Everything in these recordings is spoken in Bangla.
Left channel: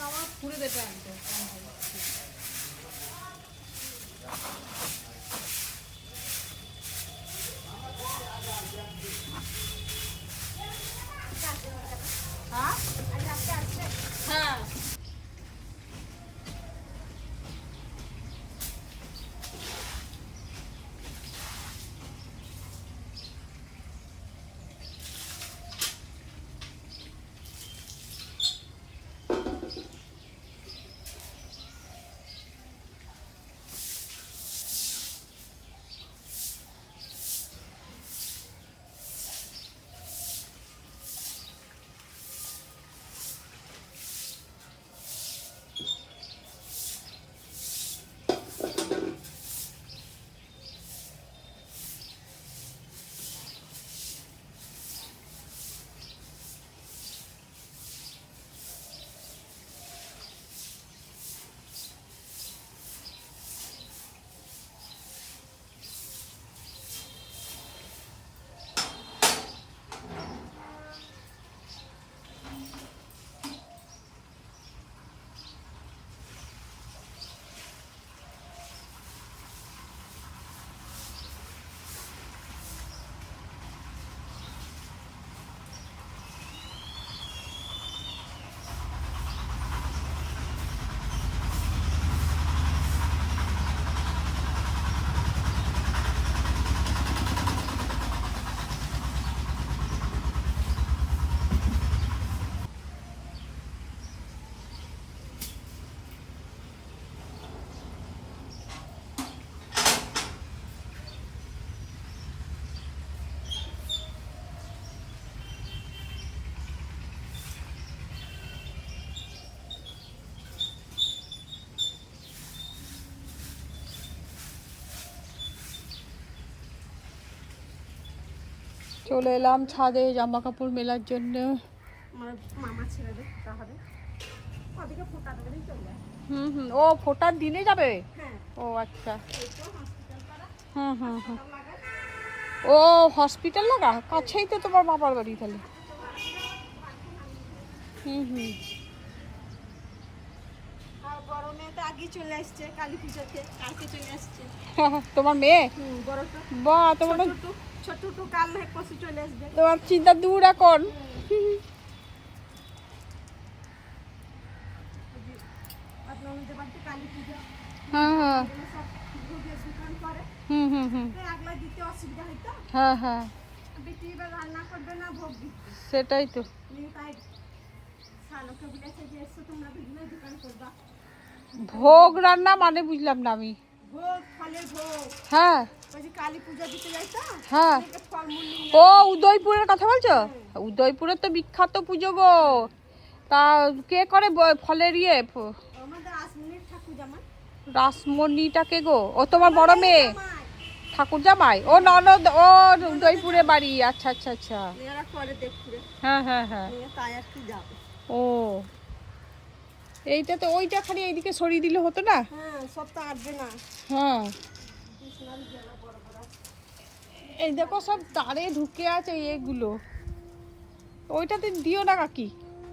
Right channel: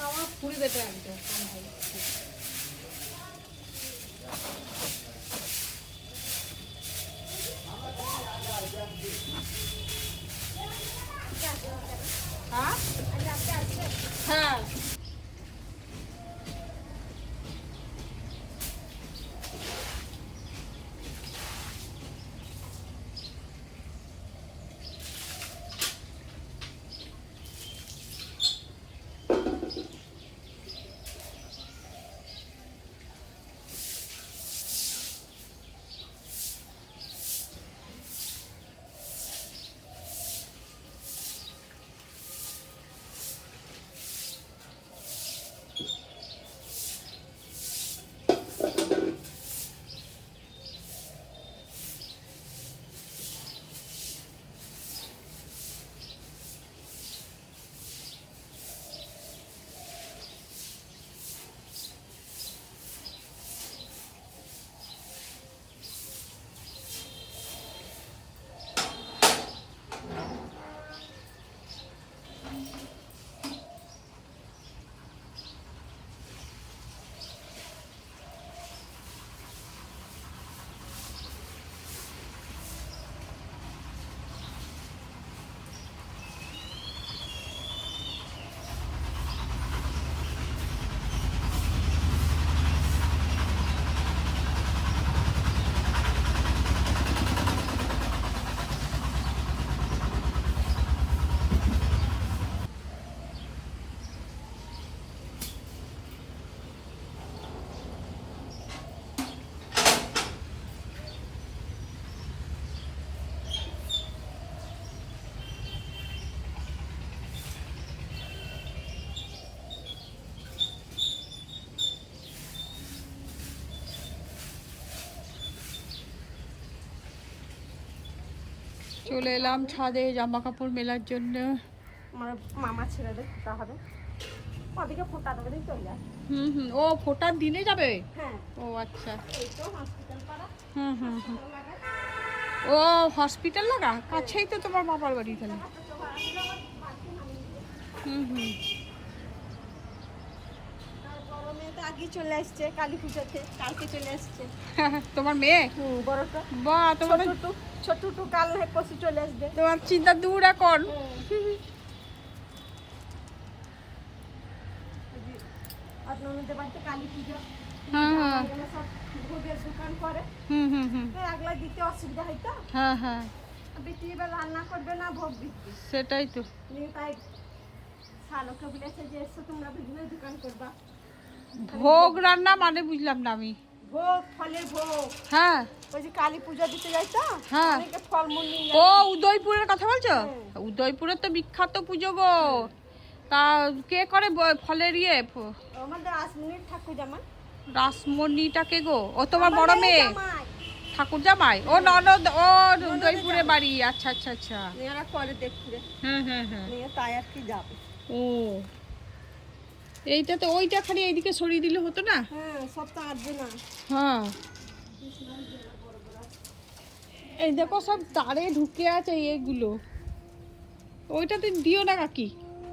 আমার ফুলবে তো একদম। চলে এলাম ছাদে জামা কাপড় মেলার জন্য। আমার মামা ছেলেদের দে ফোটা হবে। ওদিকে ফোটা দেবে চলে হুম হুম ও ফোটার দিনে যাবে? হ্যাঁ। ও আচ্ছা। হুম হুম হুম। ও হসপিটাল লাগা? কাছেই তো তোমার মামার বাড়ি তাহলে। হুম হুম আর বড় মেয়ে চলে আসছে কালী পুজোতে কালকে চলে আসছে। তোমার মেয়ে? বড়টা বা তোমার ছোট টু কাল পশু চলে আসবে। তোমার চিন্তা দূর এখন। বাড়িতে কালী পুজো। সব ভোগের দোকান করে। হুম হুম হুম। তো একলা দিতে অসুবিধা হ্যাঁ হ্যাঁ বিটি এবার রান্না করবে না ভোগ দিতে। সেটাই তো। তাই শালকে বলেছে যে এসো তোমরা বিভিন্ন দোকান করবা। ভোগ রান্না মানে বুঝলাম না আমি। ভোগ ফলের ভোগ। হ্যাঁ। ওই যে কালী পূজা দিতে যাই তো হ্যাঁ। ফলমূল ও উদয়পুরের কথা বলছো? উদয়পুরের তো বিখ্যাত পুজো গো। তা কে করে ফলের ইয়ে? আমাদের আসমনির ঠাকুর জামাই। রাসমণিটাকে গো? ও তোমার বড় মেয়ে? ঠাকুর জামাই? ও ননদ ও উদয়পুরে বাড়ি। আচ্ছা আচ্ছা আচ্ছা। করে দেখতে। হ্যাঁ হ্যাঁ হ্যাঁ। তাই আর কি যাবে। ও। এইটা তো ওইটা খালি এইদিকে সরিয়ে দিলে হতো না? হ্যাঁ সব তো আসবে না। হ্যাঁ। এই দেখো সব তারে ঢুকে আছে এগুলো। ওইটাতে দিও না কাকি।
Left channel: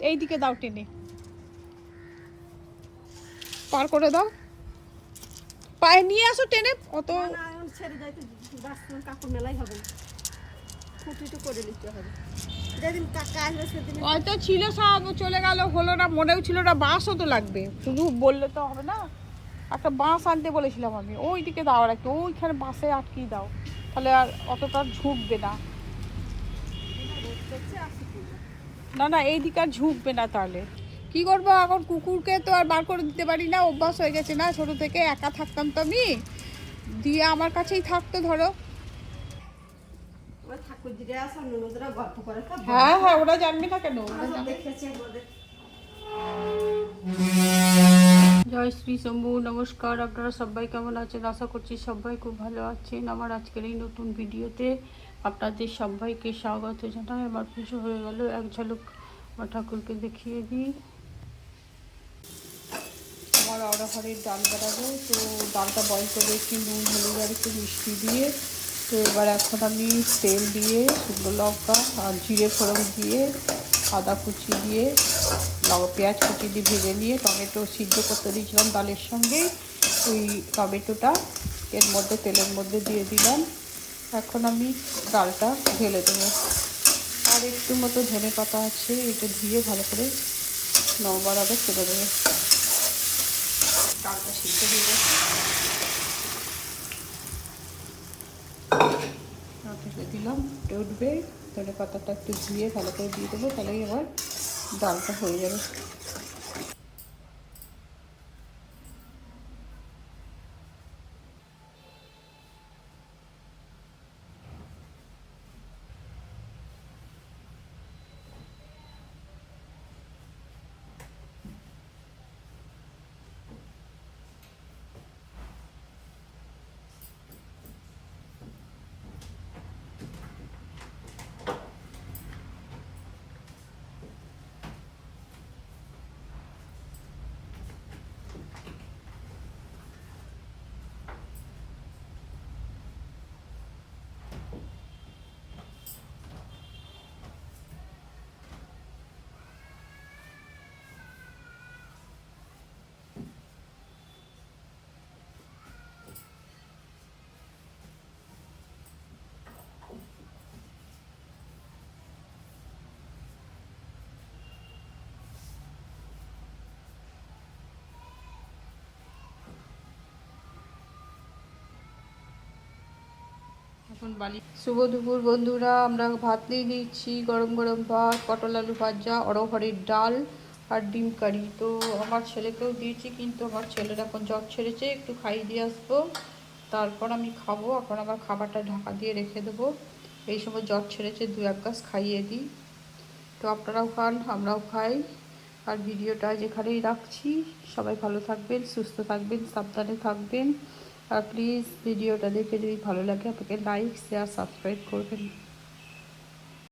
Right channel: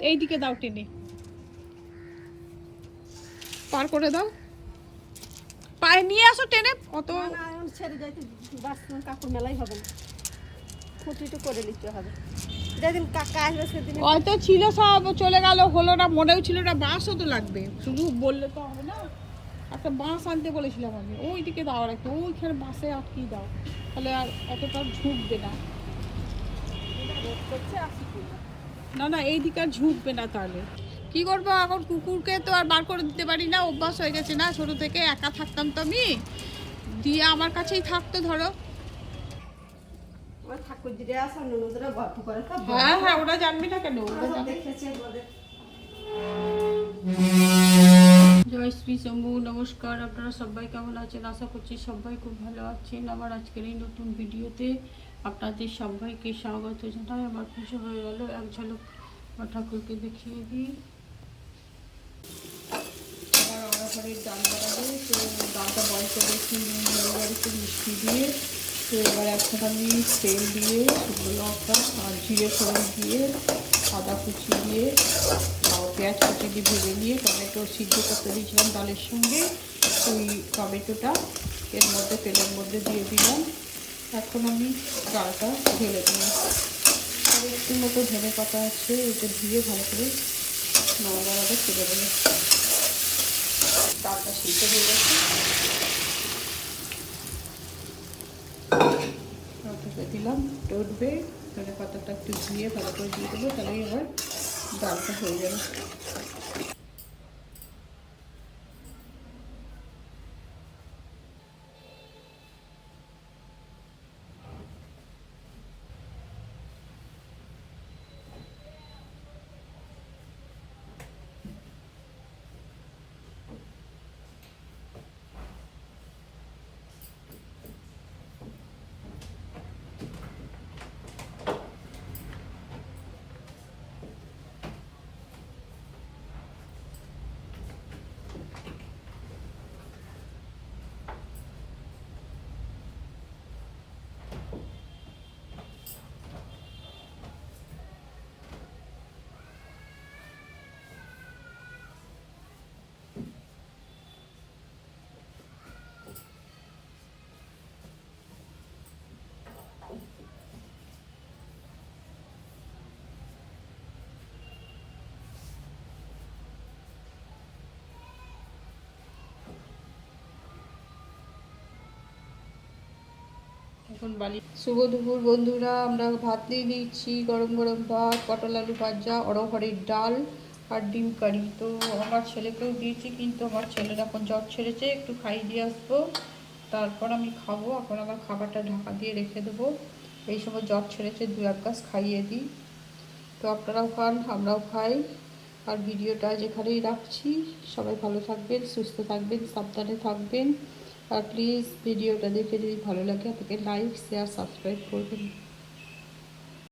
এইদিকে দাও টেনে। পার করে দাও। পায়ে নিয়ে আসো টেনে। অত ছেড়ে যাইতে কাকুর মেলাই হবে না। খুঁটিটু করে নিতে হবে। যেদিন কাকা আসবে সেদিন। হয়তো ছিল সব চলে গেল হলো না মনেও ছিল না বাঁশও তো লাগবে। শুধু বললে তো হবে না। একটা বাঁশ আনতে বলেছিলাম আমি ওইদিকে দাও আর কি ওইখানে বাঁশে আটকিয়ে দাও। তাহলে আর অতটা ঝুঁকবে না করছে আসি কি না। না না এইদিকে আর ঝুঁকবে না তাহলে। কি করব এখন? কুকুরকে তো আর বার করে দিতে পারি না অভ্যাস হয়ে গেছে না ছোট থেকে একা থাকতাম তো আমি। দিয়ে আমার কাছেই থাকতো ধরো ওই ঠাকুর দিদি আসা ননদরা গল্প করে তো হ্যাঁ হ্যাঁ ওরা জানবি না কেন? ওরা দেখেছে জয় শ্রী শম্ভু নমস্কার। আপনারা সবাই কেমন আছেন? আশা করছি সবাই খুব ভালো আছেন। আমার আজকের এই নতুন ভিডিওতে আপনাদের সবাইকে স্বাগত জানাই। আমার খুশি হয়ে গেল। এক ঝলক ঠাকুরকে দেখিয়ে দিই। আমার অড়হরের ডাল বানাবো। তো ডালটা করে একটু নুন হলুদ আর একটু মিষ্টি দিয়ে। তো এবার এখন আমি তেল দিয়ে, শুকনো লঙ্কা আর জিরে ফোড়ন দিয়ে, আদা কুচি দিয়ে পেঁয়াজ কুচি দিয়ে ভেজে নিয়ে টমেটো সিদ্ধ করতে দিয়েছিলাম ডালের সঙ্গে। ওই টমেটোটা এর মধ্যে, তেলের মধ্যে দিয়ে দিলাম। এখন আমি ডালটা ঢেলে দেবো। আর একটু মতো ধনে পাতা আছে, এটা ধুয়ে ভালো করে নরমাল আগে ফেলে দেবো। ডালটা সিদ্ধ হয়ে গেছে ঢেলে দিলাম এটা উঠবে ধনে পাতাটা একটু ধুয়ে ভালো করে দিয়ে দেবো তাহলেই আবার ডালটা হয়ে যাবে। এখন বালি। শুভ দুপুর বন্ধুরা, আমরা ভাত নিয়ে নিচ্ছি, গরম গরম ভাত, পটল আলু ভাজা অরহরের ডাল আর ডিম কারি। তো আমার ছেলেকেও দিয়েছি, কিন্তু আমার ছেলের এখন জ্বর ছেড়েছে, একটু খাইয়ে দিয়ে আসব। তারপর আমি খাব, এখন আমার খাবারটা ঢাকা দিয়ে রেখে দেবো। এই সময় জ্বর ছেড়েছে, দু এক গাছ খাইয়ে দিই। তো আপনারাও খান, আমরাও খাই। আর ভিডিওটা যেখানেই রাখছি, সবাই ভালো থাকবেন, সুস্থ থাকবেন, সাবধানে থাকবেন। আর প্লিজ ভিডিওটা দেখে যদি ভালো লাগে আপনাকে লাইক শেয়ার সাবস্ক্রাইব করবেন।